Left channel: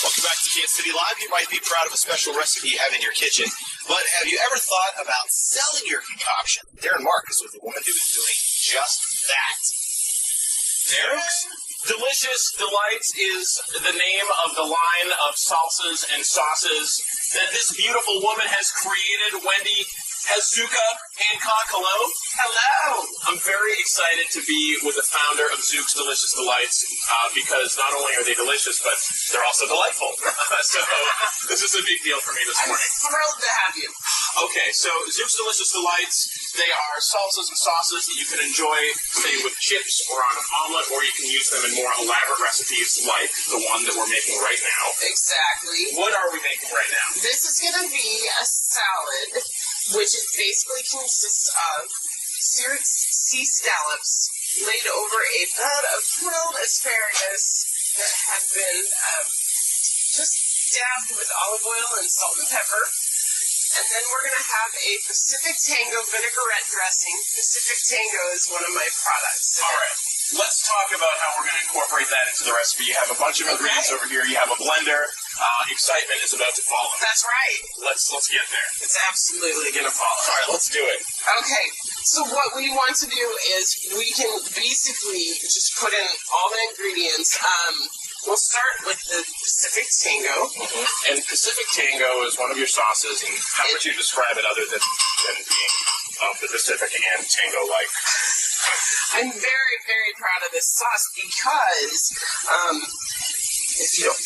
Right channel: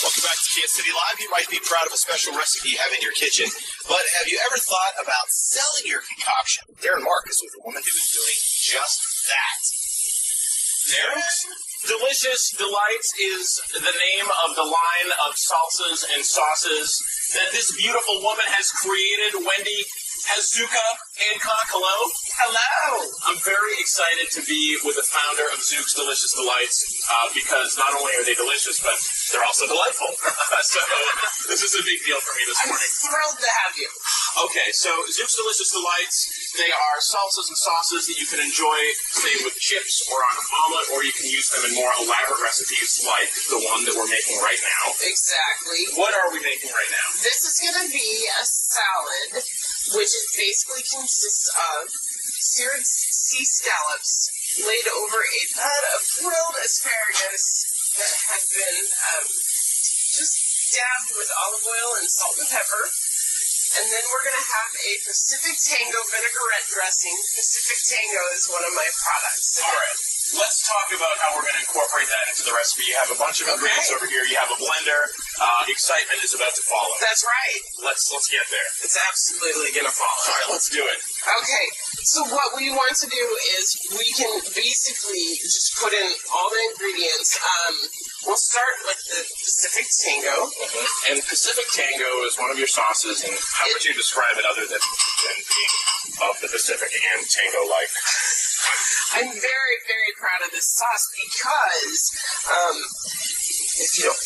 Welcome back to Kansas City Live. You might be proud of a special recipe you have in your kitchen, but have you ever thought about selling your concoction? Darren Mark is with a woman who is doing just that. Zuks Delicious Delights is the name of the line of salsas and sauces that this beautiful woman has created. Wendy Zuka Hancock, hello. Hello. I'm very excited to be with the founder of Zuks Delicious Delights because not only are they delicious, but they're also delightful. So this is a big deal for me this morning. I'm thrilled to have you. Okay, so Zuks Delicious Delights, they are salsas and sauces that you can enjoy, say, with chips or on an omelet, or you can use them in more elaborate recipes like the one that we're making right now. Exactly. What are we making right now? This is going to be a salad, which is basically consists of seared sea scallops laid over a bed of grilled asparagus that have been just dabbed with olive oil and salt and pepper. And then we're going to have a Pacific Tango vinaigrette dressing. Pacific Tango is one of my products. All right. Let's talk about how we're going to incorporate that into the recipe. You have a bunch of ingredients over here. You have a blender. Excitement is about to follow. That's right. Let's get there. It's absolutely going to follow. All right, let's do it. Okay, so what we want to do is we can basically just put in all the ingredients. We'll start with the Pacific Tango. And Pacific Tango is one of your sauces, and how would you describe it other than being of the Pacific and tango-like? I'm very, very proud of this sauce because, if you don't...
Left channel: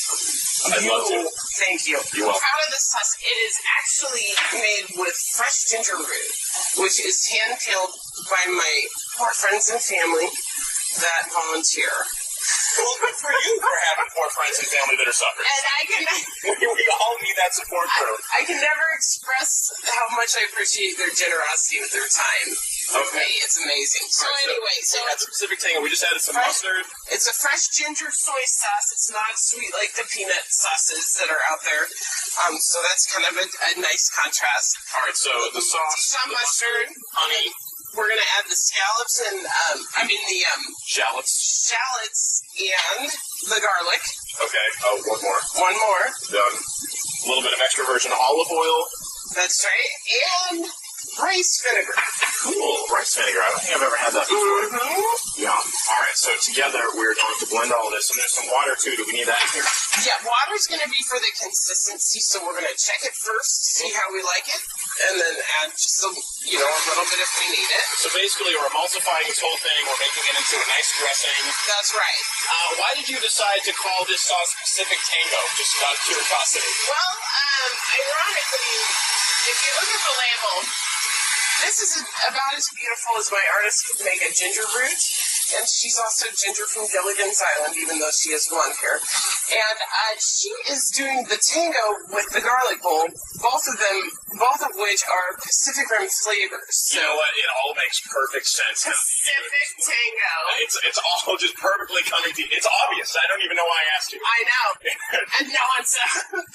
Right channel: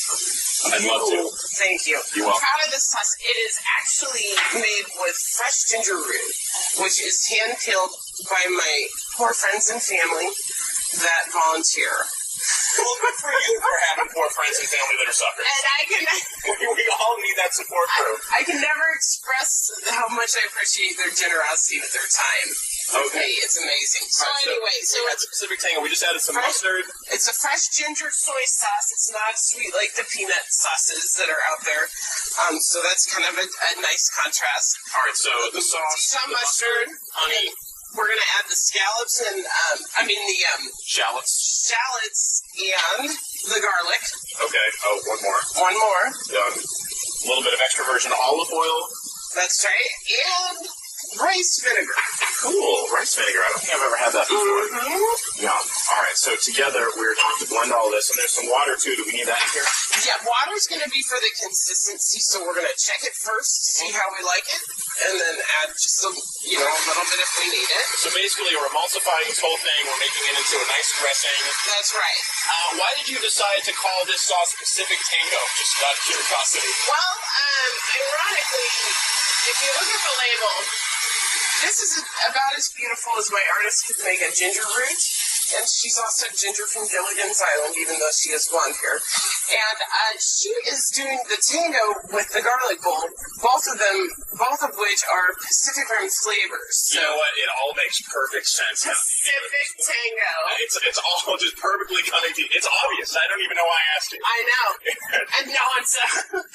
I'd love to. Thank you. You're welcome. I'm proud of this sauce. It is actually made with fresh ginger root, which is hand-peeled by my poor friends and family that volunteer. Well, good for you for having poor friends and family that are suffering. And I can... We all need that support group. I can never express how much I appreciate their generosity with their time. Okay. It's amazing. So anyway, so that's Pacific Tango. We just added some mustard. It's a fresh ginger soy sauce. It's not sweet like the peanut sauces that are out there. So that's kind of a nice contrast. All right, so the sauce, some mustard, honey. We're going to add the scallops and, shallots. Shallots and the garlic. Okay, one more. One more. Done. A little bit of extra virgin olive oil. That's right. And rice vinegar. Cool, rice vinegar. I don't think I've ever had that before. Mm-hmm. Yum. All right, so together we're going to blend all this, and there's some water too. Do we need that in here? Yeah, water's going to be for the consistency, so we're going to check it first, see how we like it, and then add just a little bit if we need it. So basically, we're emulsifying this whole thing. We're making it into a nice dressing. That's right. Why did you decide to call this sauce Pacific Tango? Just out of curiosity. Well, ironically, if you look at the label, this is about as beautiful as my artist could make a ginger root. And she's also Ginger from Gilligan's Island, even though she has blonde hair. And she is doing the tango with the garlic bowl, both of which are Pacific Rim flavors. So, you know what? It all makes perfect sense. Pacific Tango. It's all just perfectly coming to you. It's obvious. I don't even know why I asked you. I know. And no, I'm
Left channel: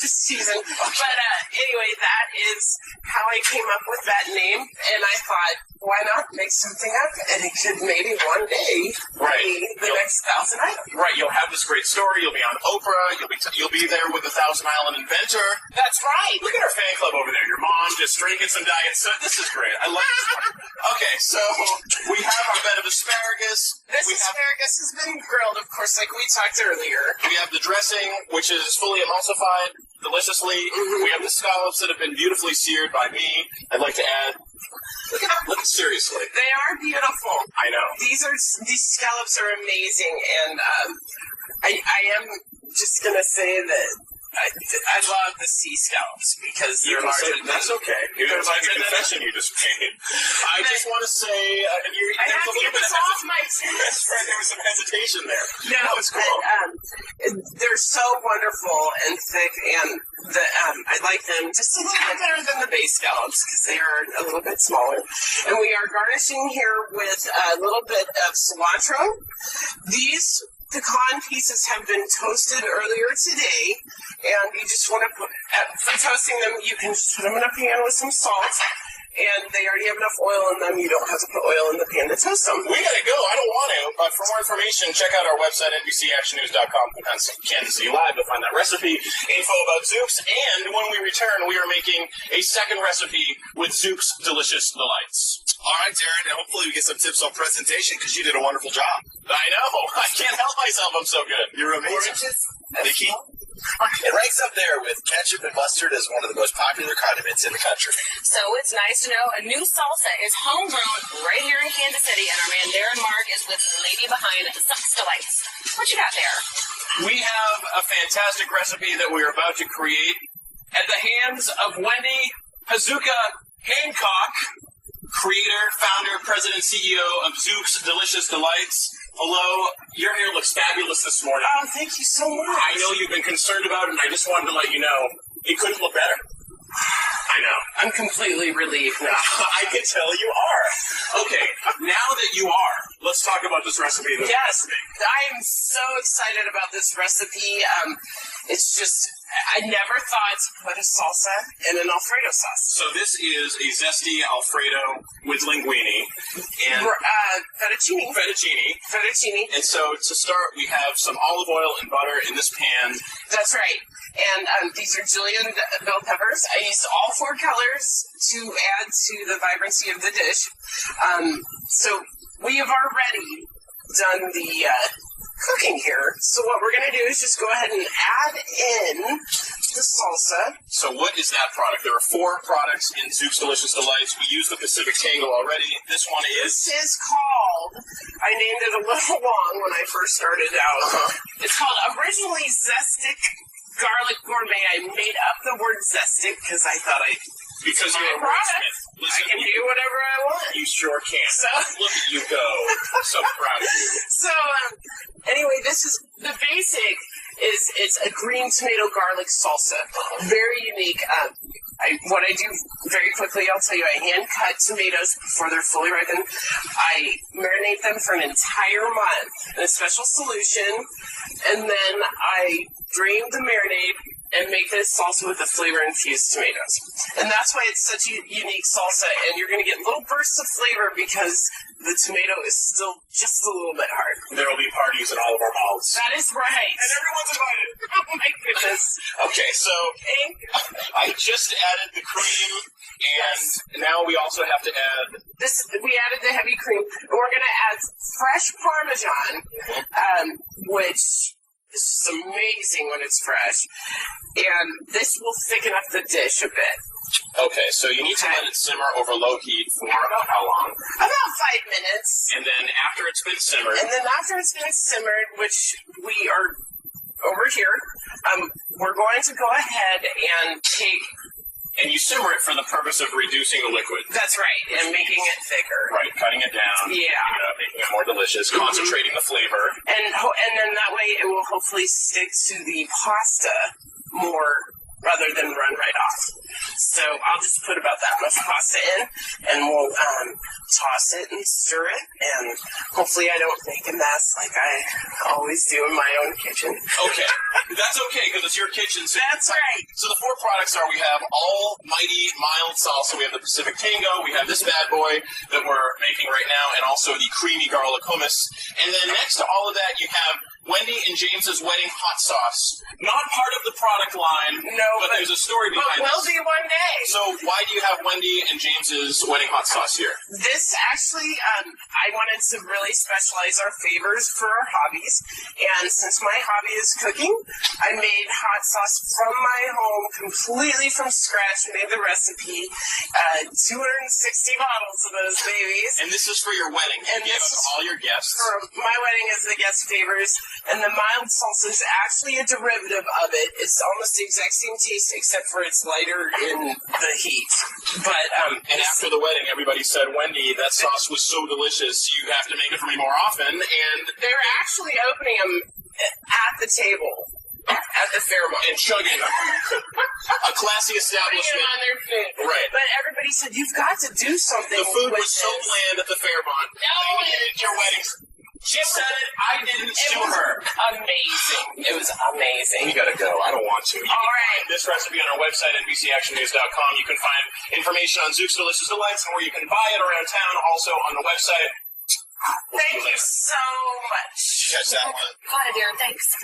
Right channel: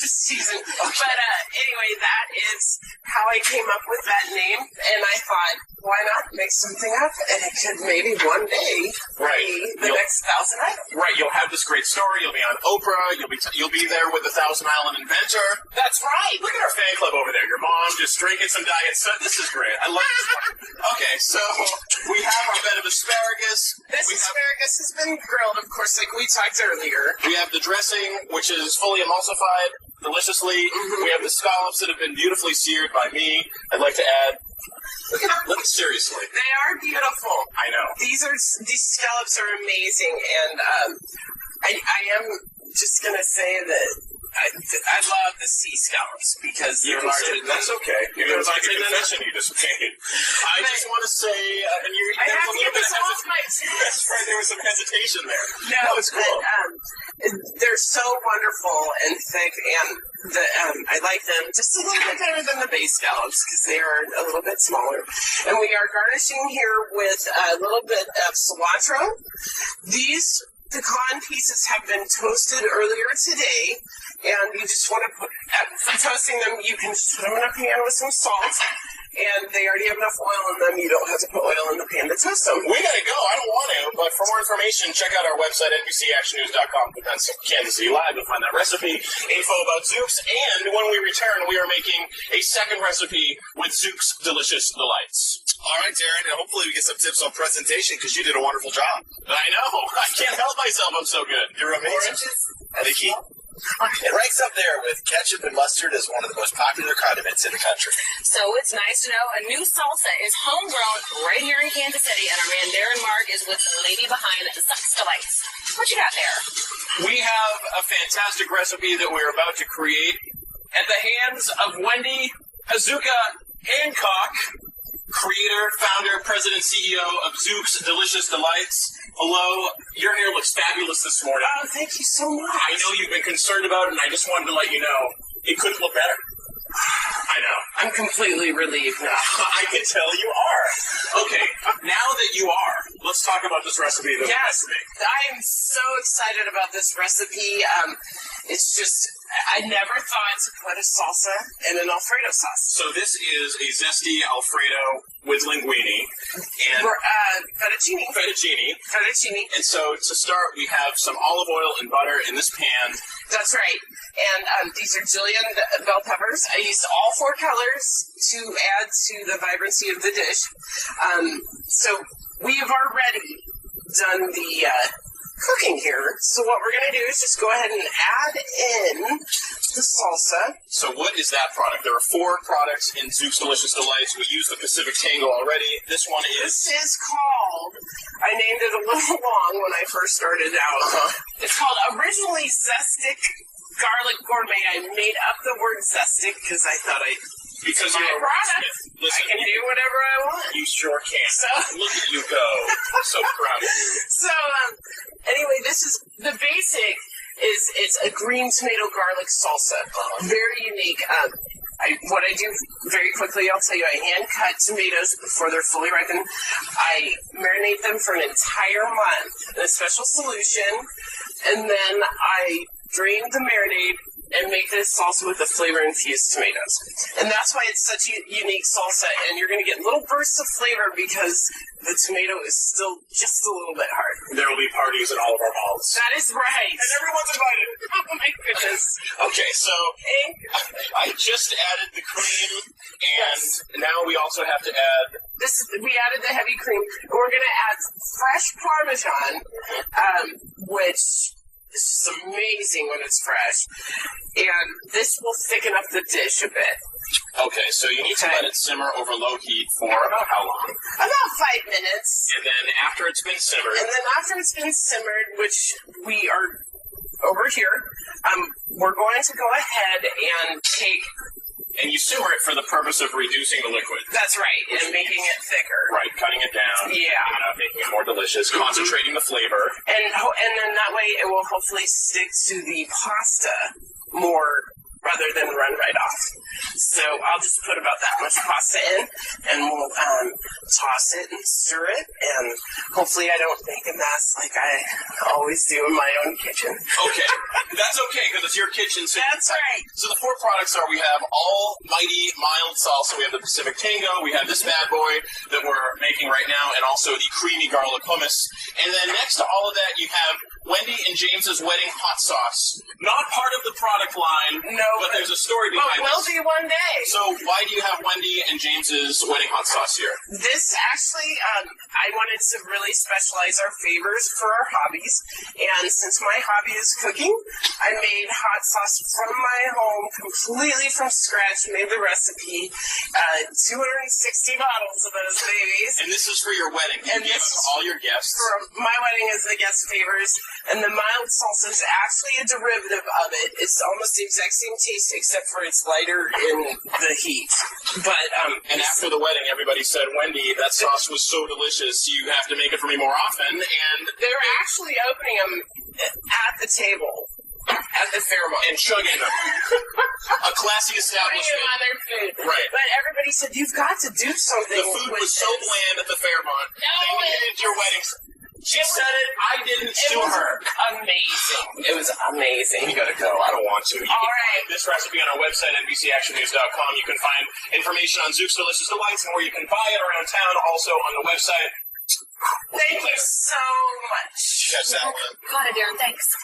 just teasing. Okay. But anyway, that is how I came up with that name. And I thought, why not make something up? And it could maybe one day be the next Thousand Island. Right. You'll have this great story. You'll be on Oprah. You'll be there with the Thousand Island inventor. That's right. Look at our fan club over there. Your mom just drinking some diet soda. This is great. I love this one. Okay, so we have our bed of asparagus. Asparagus has been grilled, of course, like we talked earlier. We have the dressing, which is fully emulsified deliciously. Mm-hmm. We have the scallops that have been beautifully seared by me. I'd like to add... Look, seriously. They are beautiful. I know. These scallops are amazing, and I am just gonna say that I love the sea scallops because they're larger. That's okay. It was like a confession you just made. I just want to say, and I have to get this off my chest. That's right. There was some hesitation there. No, it's cool. They're so wonderful and thick, and I like them just a little bit better than the base scallops because they are a little bit smaller. And we are garnishing here with a little bit of cilantro. These pecan pieces have been toasted earlier today, and you just want to put, for toasting them, you can just put them in a pan with some salt, and they already have enough oil in them. You don't have to put oil in the pan to toast them. We gotta go. I don't want to, but for more information, check out our website, NBCActionNews.com. Click on Kansas City Live. You'll find that recipe, info about Zuks, and when we return, we are making a second recipe with Zuks Delicious Delights. All right, Darren, and hopefully we get some tips on presentation because you did a wonderful job. I know. I can't help myself. I'm so good. You're amazing. Nikki, it ranks up there with ketchup and mustard as one of the most popular condiments in the country. So it's nice to know a new salsa is homegrown right here in Kansas City, and our man Darren Mark is with the lady behind Zuks Delights. What you got there? We have a fantastic recipe that we're about to create at the hands of Wendy Hazuka Hancock, creator, founder, president, CEO of Zuks Delicious Delights. Hello, your hair looks fabulous this morning. Oh, thank you so much. I know you've been concerned about it, and I just wanted to let you know it couldn't look better. I know. I'm completely relieved now. I can tell you are. Okay, now that you are, let's talk about this recipe that we're Yes, making. I am so excited about this recipe. It's just, I never thought to put a salsa in an Alfredo sauce. So this is a zesty Alfredo with linguine and fettuccine. And so to start, we have some olive oil and butter in this pan. That's right. And these are julienne bell peppers. I used all 4 colors to add to the vibrancy of the dish. So we have already done the cooking here. So what we're going to do is just go ahead and add in the salsa. So what is that product? There are 4 products in Zuks Delicious Delights. We used the Pacific Tango already. This one is... This is called, I named it a little long when I first started out. It's called originally Zestic Garlic Gourmet. I made up the word Zestic because I thought Because you're a wordsmith. Listen, I can do whatever I want. You sure can. So, look at you go. I'm so proud of you. So, anyway, this is the basic. It's a green tomato garlic salsa. Very unique. What I do very quickly, I'll tell you, I hand cut tomatoes before they're fully ripened. I marinate them for an entire month in a special solution, and then I drain the marinade and make this salsa with the flavor-infused tomatoes. And that's why it's such a unique salsa, and you're going to get little bursts of flavor because the tomato is still just a little bit hard. There will be parties in all of our mouths. That is right. And everyone's invited. Oh, my goodness. Okay, so I just added the cream, and now we also have to add... We added the heavy cream, and we're going to add fresh Parmesan, which... It's just amazing when it's fresh. And this will thicken up the dish a bit. Okay, so you need to let it simmer over low heat for about how long? About 5 minutes. And then after it's been simmered... which we are over here, we're going to go ahead and take... And you simmer it for the purpose of reducing the liquid. That's right, and making it thicker. Right, cutting it down. Yeah. Making it more delicious, concentrating the flavor. And then that way it will hopefully stick to the pasta more rather than run right off. So I'll just put about that much pasta in, and we'll toss it and stir it, and hopefully I don't make a mess like I always do in my own kitchen. Okay, that's okay, because it's your kitchen. So that's right. So the 4 products are, we have almighty mild salsa, we have the Pacific Tango, we have this bad boy that we're making right now, and also the creamy garlic hummus. And then next to all of that, you have Wendy and James's wedding hot sauce. Not part of the product line, no, but there's a story behind will be one day. So why do you have Wendy and James's wedding hot sauce here? This actually, I wanted to really specialize our favors for our hobbies. And since my hobby is cooking, I made hot sauce from my home, completely from scratch, made the recipe, 260 bottles of those babies. And this is for your wedding. You gave it to all your guests. For my wedding is the guest favors. And the mild salsa is actually a derivative of it. It's almost the exact same taste, except for it's lighter in the heat. But and after the wedding, everybody said, Wendy, that sauce was so delicious, you have to make it for me more often. And they're actually opening them at the table. At the Fairmont. And chugging them. A classy establishment. On their food. Right. But everybody said, you've got to do something. The food was so bland at the Fairmont. No, they needed your wedding She said it. I didn't sue her. Amazing. It was amazing. We gotta go. I don't want to. You can find this recipe on our website, NBCActionNews.com. You can find information on Zuks Delicious Delights and where you can buy it around town, also on the website. Thank you so much. Catch that one. Got it, Darren. Thanks.